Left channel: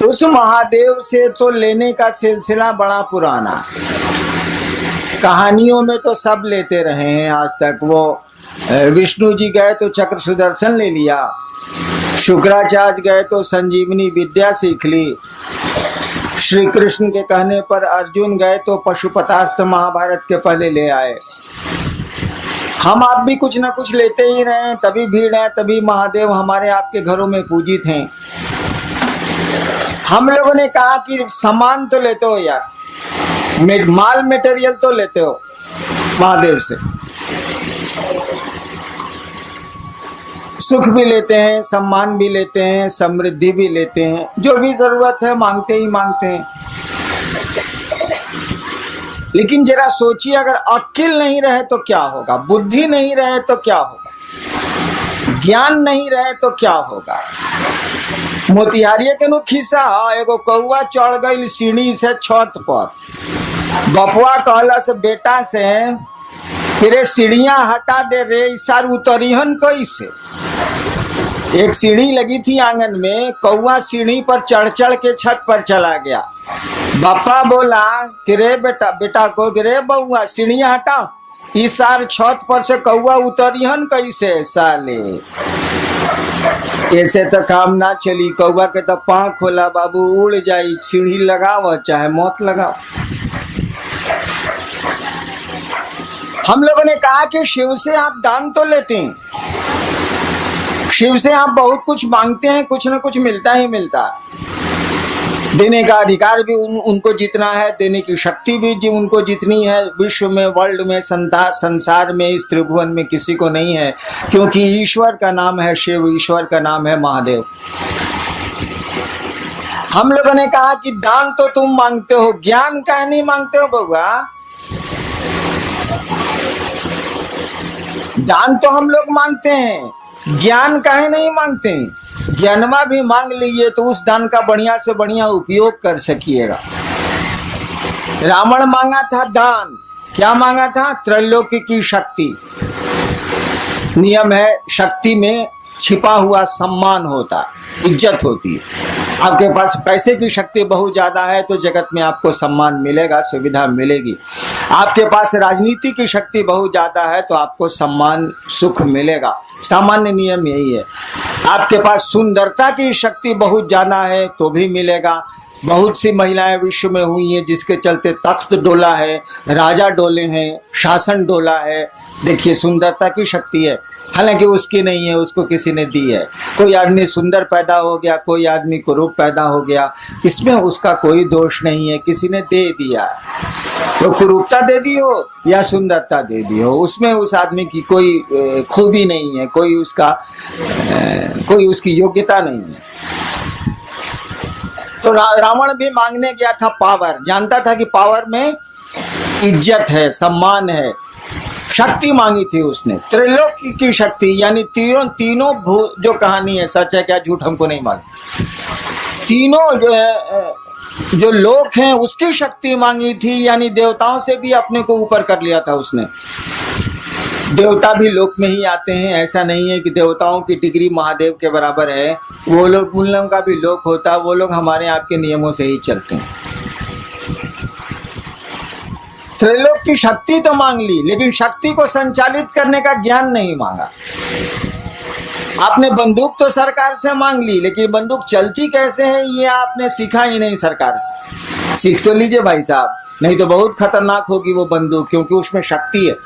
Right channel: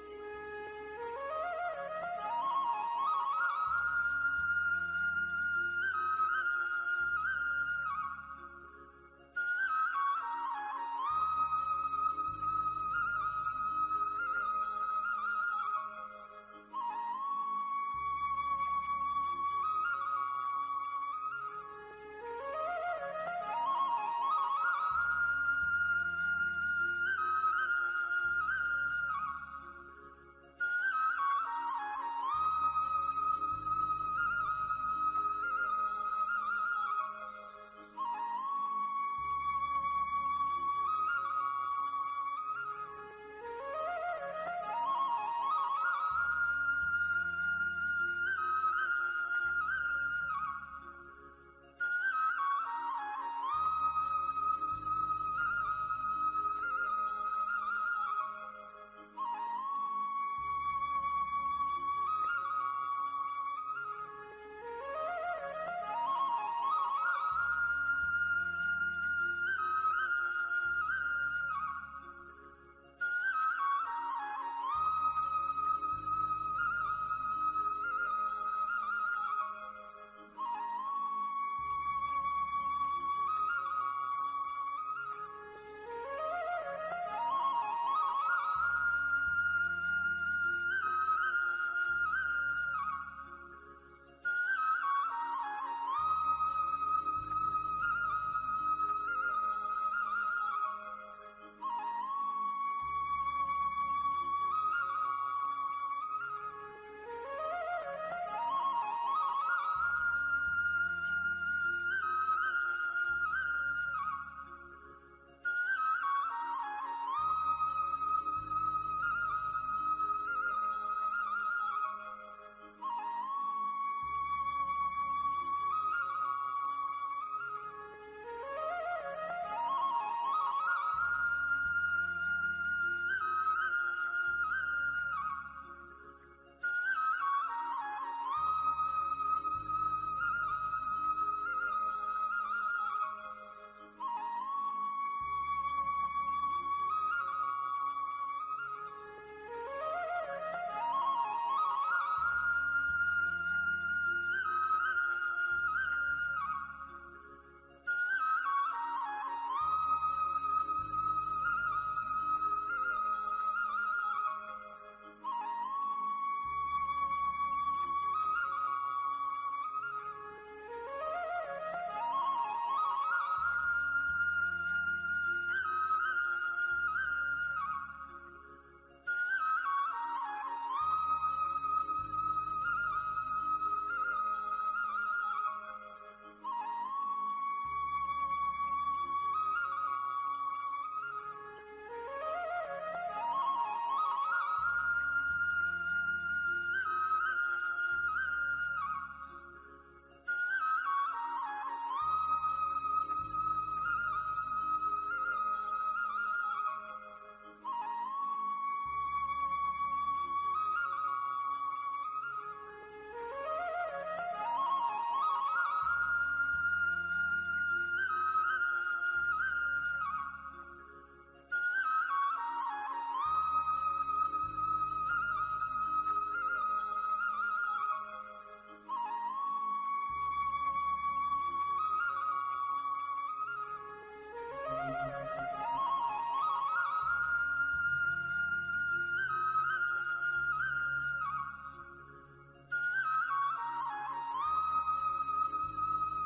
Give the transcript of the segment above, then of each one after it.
उस महादेव से तो लेने का सिलसिला बड़ा पुराना, कहानियों में तो सब लेते रहे हैं आज तक। वो विष्णु जी गए तो चक्र सुदर्शन ले लिया, शुक्राचार्य गए तो संजीवनी विद्या सीख ली, श्री कृष्ण के कहने पर अर्जुन गए तो पशुपतास्त्र महाभारत के पहले ले आए। हम आप भी कुछ ना कुछ लेते ही रहे, तभी भीड़ है, तभी महादेव हमारे आपके घरों में पूजित हैं। हम लोगों ने कहा कि सामान तो लेते हो यार, माल मटेरियल तो लेते हो महादेव से, सुख भी लेते हैं, सम्मान भी लेते हैं, समृद्धि भी लेते हैं, जो भी जरूरत है मांगते ही मांगते हैं। लेकिन जरा सोचिए, अगर अक्ल नहीं रहे तो क्या होगा, बुद्धि नहीं रहे तो क्या होगा, ज्ञान नहीं रहे तो क्या होगा। मोतिहारिये के नु खिस्सा, एगो कौआ चढ़ गई सीढ़ी से छत पर, बपुआ कहला से बेटा से तेरे सीढ़ियां हटा दे रे, इसार उतरीहन कैसे। एक सीढ़ी लगी थी आंगन में, कौआ सीढ़ी पर चढ़ चढ़ के छत पर चला गया। बापा बोला कि रे बेटा, बेटा को रे बउआ सीढ़ियां हटा, इस सार छत पर से कौआ उतरिहन कैसे साले। ऐसे तो काम ना चली, कौआ के तो पाँख खोला बाबू, उड़ जाई, सीढ़ी लगाओ चाहे मौत लगाओ। हम लोगों ने कहा कि शिव से आप दान तो लेते हैं, शिव से आप बहुत कुछ मांगते हैं, कुछ ना कुछ मिलता ही मिलता है। देने का अधिकार भी उनको जितना है, देने की शक्ति भी उनको जितनी है, विश्व में, वर्ल्ड में, संसार में, इस त्रिभुवन में किसी को नहीं है, क्योंकि ईश्वर का नाम है शिव, ईश्वर का नाम है महादेव। हम लोगों ने कहा कि दान तो तुम मांगते हो, ज्ञान काहे नहीं मांगते हो बउआ। दान तो हम लोग मांगते हैं, ज्ञान काहे नहीं मांगते हैं। ज्ञानमा भी मांग लीजिए तो उस दान का बढ़िया से बढ़िया उपयोग कर सकिएगा। रावण मांगा था दान, क्या मांगा था, त्रैलोक्य की शक्ति। नियम है, शक्ति में छिपा हुआ सम्मान होता, इज्जत होती है। आपके पास पैसे की शक्ति बहुत ज्यादा है तो जगत में आपको सम्मान मिलेगा, सुविधा मिलेगी। आपके पास राजनीति की शक्ति बहुत ज्यादा है तो आपको सम्मान, सुख मिलेगा। सामान्य नियम यही है। आपके पास सुंदरता की शक्ति बहुत ज्यादा है तो भी मिलेगा। बहुत सी महिलाएं विश्व में हुई हैं जिसके चलते तख्त डोला है, राजा डोले हैं, शासन डोला है। देखिए, सुंदरता की शक्ति है, हालांकि उसकी नहीं है, उसको किसी ने दी है। कोई आदमी सुंदर पैदा हो गया, कोई आदमी कुरूप पैदा हो गया, इसमें उसका कोई दोष नहीं है, किसी ने दे दिया। तो कुरूपता दे दी हो या सुंदरता दे दी हो, उसमें उस आदमी की कोई खूबी नहीं है, कोई उसकी योग्यता नहीं है। तो रावण भी मांगने गया था पावर, जानता था कि पावर में इज्जत है, सम्मान है, शक्ति मांगी थी उसने, त्रिलोकी की शक्ति, यानी तीनों जो कहानी है सच है क्या झूठ हमको नहीं मालूम, तीनों जो लोक हैं उसकी शक्ति मांगी थी, यानी देवताओं से भी अपने को ऊपर कर लिया था उसने। देवता भी लोक में ही आते हैं, ऐसा नहीं है कि देवताओं की डिग्री महादेव के बराबर है। वो लोग, उन लोगों का भी लोक होता है, वो लोग हमारे आपके नियमों से ही चलते हैं। त्रैलोक की शक्ति तो मांग ली, लेकिन शक्ति को संचालित करने का ज्ञान नहीं मांगा। आपने बंदूक तो सरकार से मांग ली, लेकिन बंदूक चलती कैसे है ये आपने सीखा ही नहीं सरकार से। सीख तो लीजिए भाई साहब, नहीं तो बहुत खतरनाक होगी वो बंदूक, क्योंकि उसमें शक्ति है।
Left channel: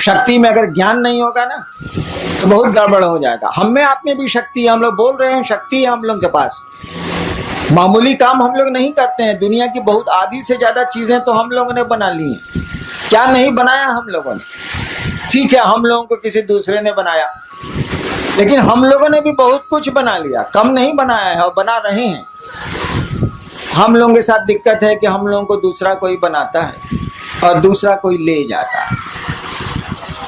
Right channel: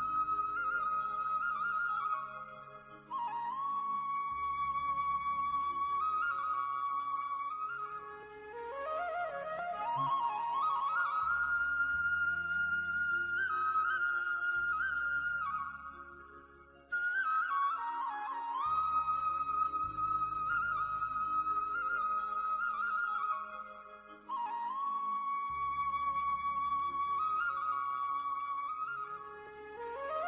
शक्ति में अगर ज्ञान नहीं होगा ना तो बहुत गड़बड़ हो जाएगा। हम में आप में भी शक्ति है, हम लोग बोल रहे हैं शक्ति है हम लोग के पास। मामूली काम हम लोग नहीं करते हैं, दुनिया की बहुत आधी से ज्यादा चीजें तो हम लोगों ने बना ली हैं। क्या नहीं बनाया हम लोगों ने, ठीक है, हम लोगों को किसी दूसरे ने बनाया, लेकिन हम लोगों ने भी बहुत कुछ बना लिया, कम नहीं बनाया है और बना रहे हैं। हम लोगों के साथ दिक्कत है कि हम लोगों को दूसरा कोई बनाता है और दूसरा कोई ले जाता है।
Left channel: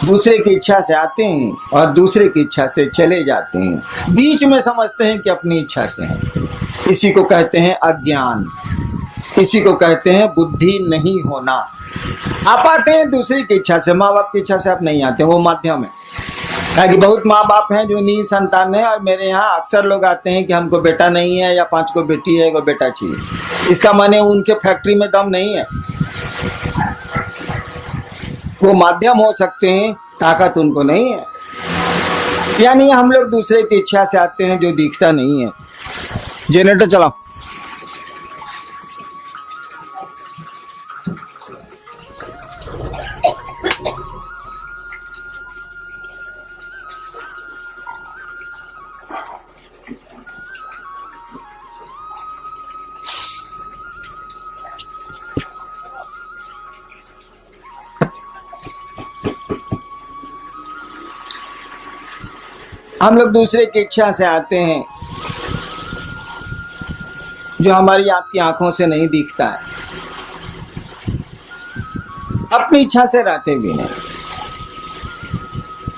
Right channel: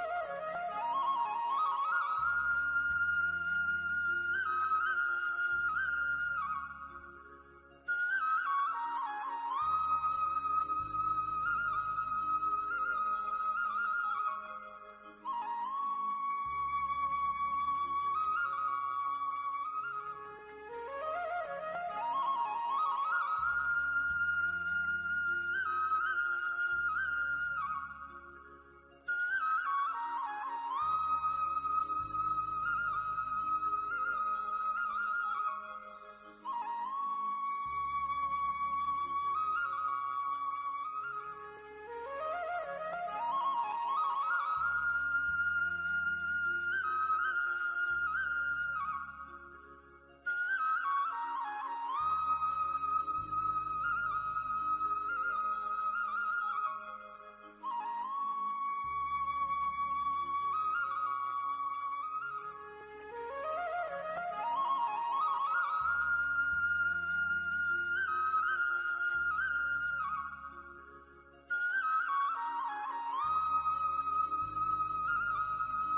दूसरे की इच्छा से आते हैं और दूसरे की इच्छा से चले जाते हैं, बीच में समझते हैं कि अपनी इच्छा से हैं। इसी को कहते हैं अज्ञान, इसी को कहते हैं बुद्धि नहीं होना। आप आते हैं दूसरे की इच्छा से, माँ बाप की इच्छा से आप नहीं आते, वो माध्यम है। ताकि बहुत माँ बाप हैं जो निसंतान है, और मेरे यहाँ अक्सर लोग आते हैं कि हमको बेटा नहीं है या 5 को बेटी है, 1 बेटा चाहिए। इसका माने उनके फैक्ट्री में दम नहीं है, वो माध्यम हो सकते हैं, ताकत उनको नहीं है। यानी हम लोग दूसरे की इच्छा से आते हैं जो दिखता नहीं है। जनरेटर चलाओ। हम लोग दूसरे की इच्छा से आते हैं जो हमारी आपकी आंखों से नहीं दिखता है, अपनी इच्छा से रहते भी नहीं।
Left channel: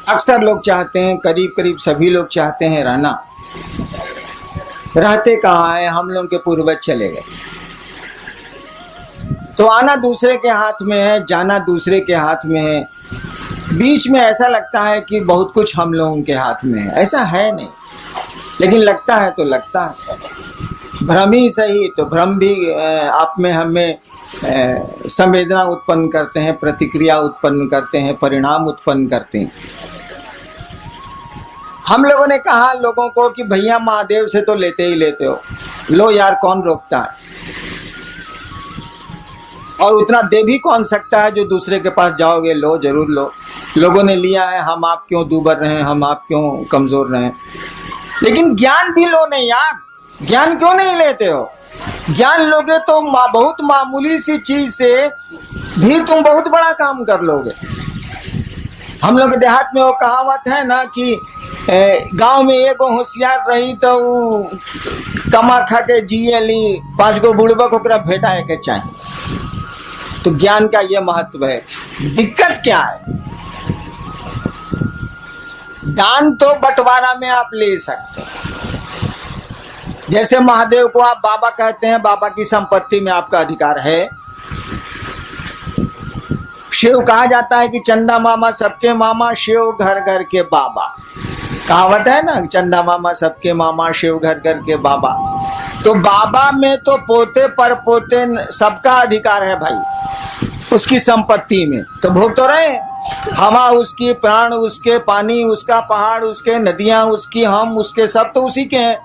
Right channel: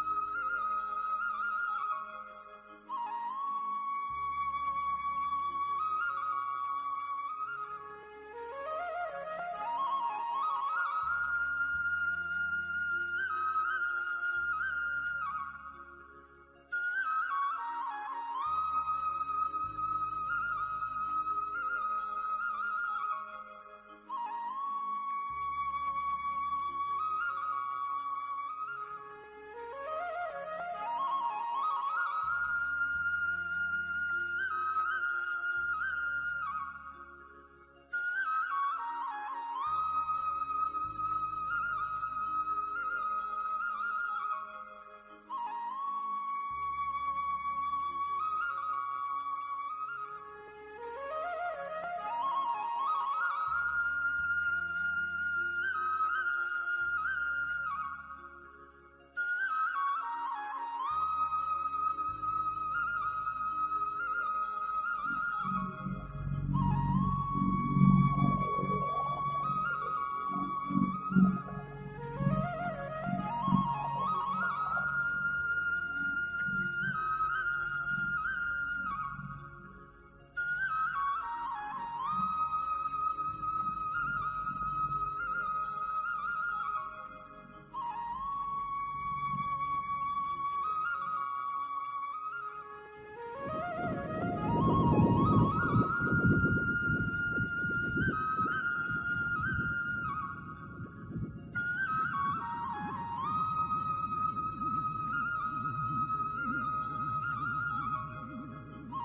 अक्सर लोग चाहते हैं, करीब करीब सभी लोग चाहते हैं रहना, रहते कहाँ है? हम लोग के पूर्वज चले गए। तो आना दूसरे के हाथ में है, जाना दूसरे के हाथ में है। बीच में ऐसा लगता है कि बहुत कुछ हम लोगों के हाथ में है, ऐसा है नहीं, लेकिन लगता है तो लगता है। भ्रम ही सही, तो भ्रम भी आप में हमें संवेदना उत्पन्न करते हैं, प्रतिक्रिया उत्पन्न करते हैं, परिणाम उत्पन्न करते हैं। हम लोगों ने कहा लोगों को कि भैया महादेव से तो लेते ही लेते हो, लो यार, कौन रोकता है? और उतना दे भी कौन सकता है जो दूसरे के पास जाओगे, लो जरूर लो। लोगों ने लिया है, हम आप क्यों दूबर रहे, हम आप क्यों कमजोर रहे? लेकिन ज्ञान भी लो नहीं यार, ज्ञान क्यों नहीं लेते हो? ज्ञान लोगे तो बहुत मामूली सी चीज से भी तुम बहुत बड़ा काम कर लोगे। हम लोग देहात में वो कहावत है ना कि गांव में एक होशियार रही तो कमा खा के जिए ली, 5 गो बुड़बक ओकरा भेटा के चाहिए। तो ज्ञान का ये महत्व है। दिक्कत क्या है? दान तो बंटवारा में आप ले सकते हैं। जैसे महादेव को आप बाबा कहते हैं, बाबा की संपत्ति में आपका अधिकार है। शिव कहा जाता है कि चंदा मामा सबके मामा, शिव घर घर के बाबा। कहावत है ना, चंदा मामा सबके मामा, शिव घर घर के बाबा। तो बाबा में तो पोते पर पोते सबका अधिकार है भाई, उसकी संपत्ति में। तो भोग तो रहे, हवा उसकी, प्राण उसके, पानी उसका, पहाड़ उसके, नदियां उसकी, हम उसके, सब तो उसी के हैं।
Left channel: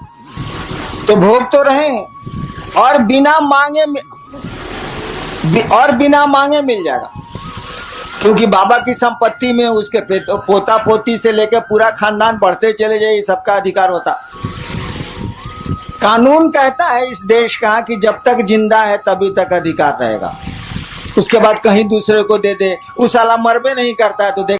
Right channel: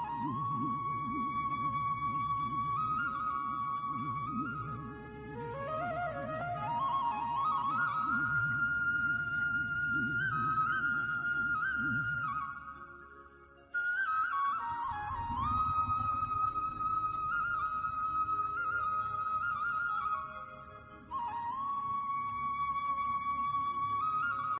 तो भोग तो रहे, और बिना मांगे मिल जाएगा, क्योंकि बाबा की संपत्ति में उसके पोता पोती से लेकर पूरा खानदान बढ़ते चले जाए, सबका अधिकार होता। कानून कहता है इस देश का कि जब तक जिंदा है तभी तक अधिकार रहेगा, उसके बाद कहीं दूसरे को दे दे, उस साला मरबे नहीं करता है तो देख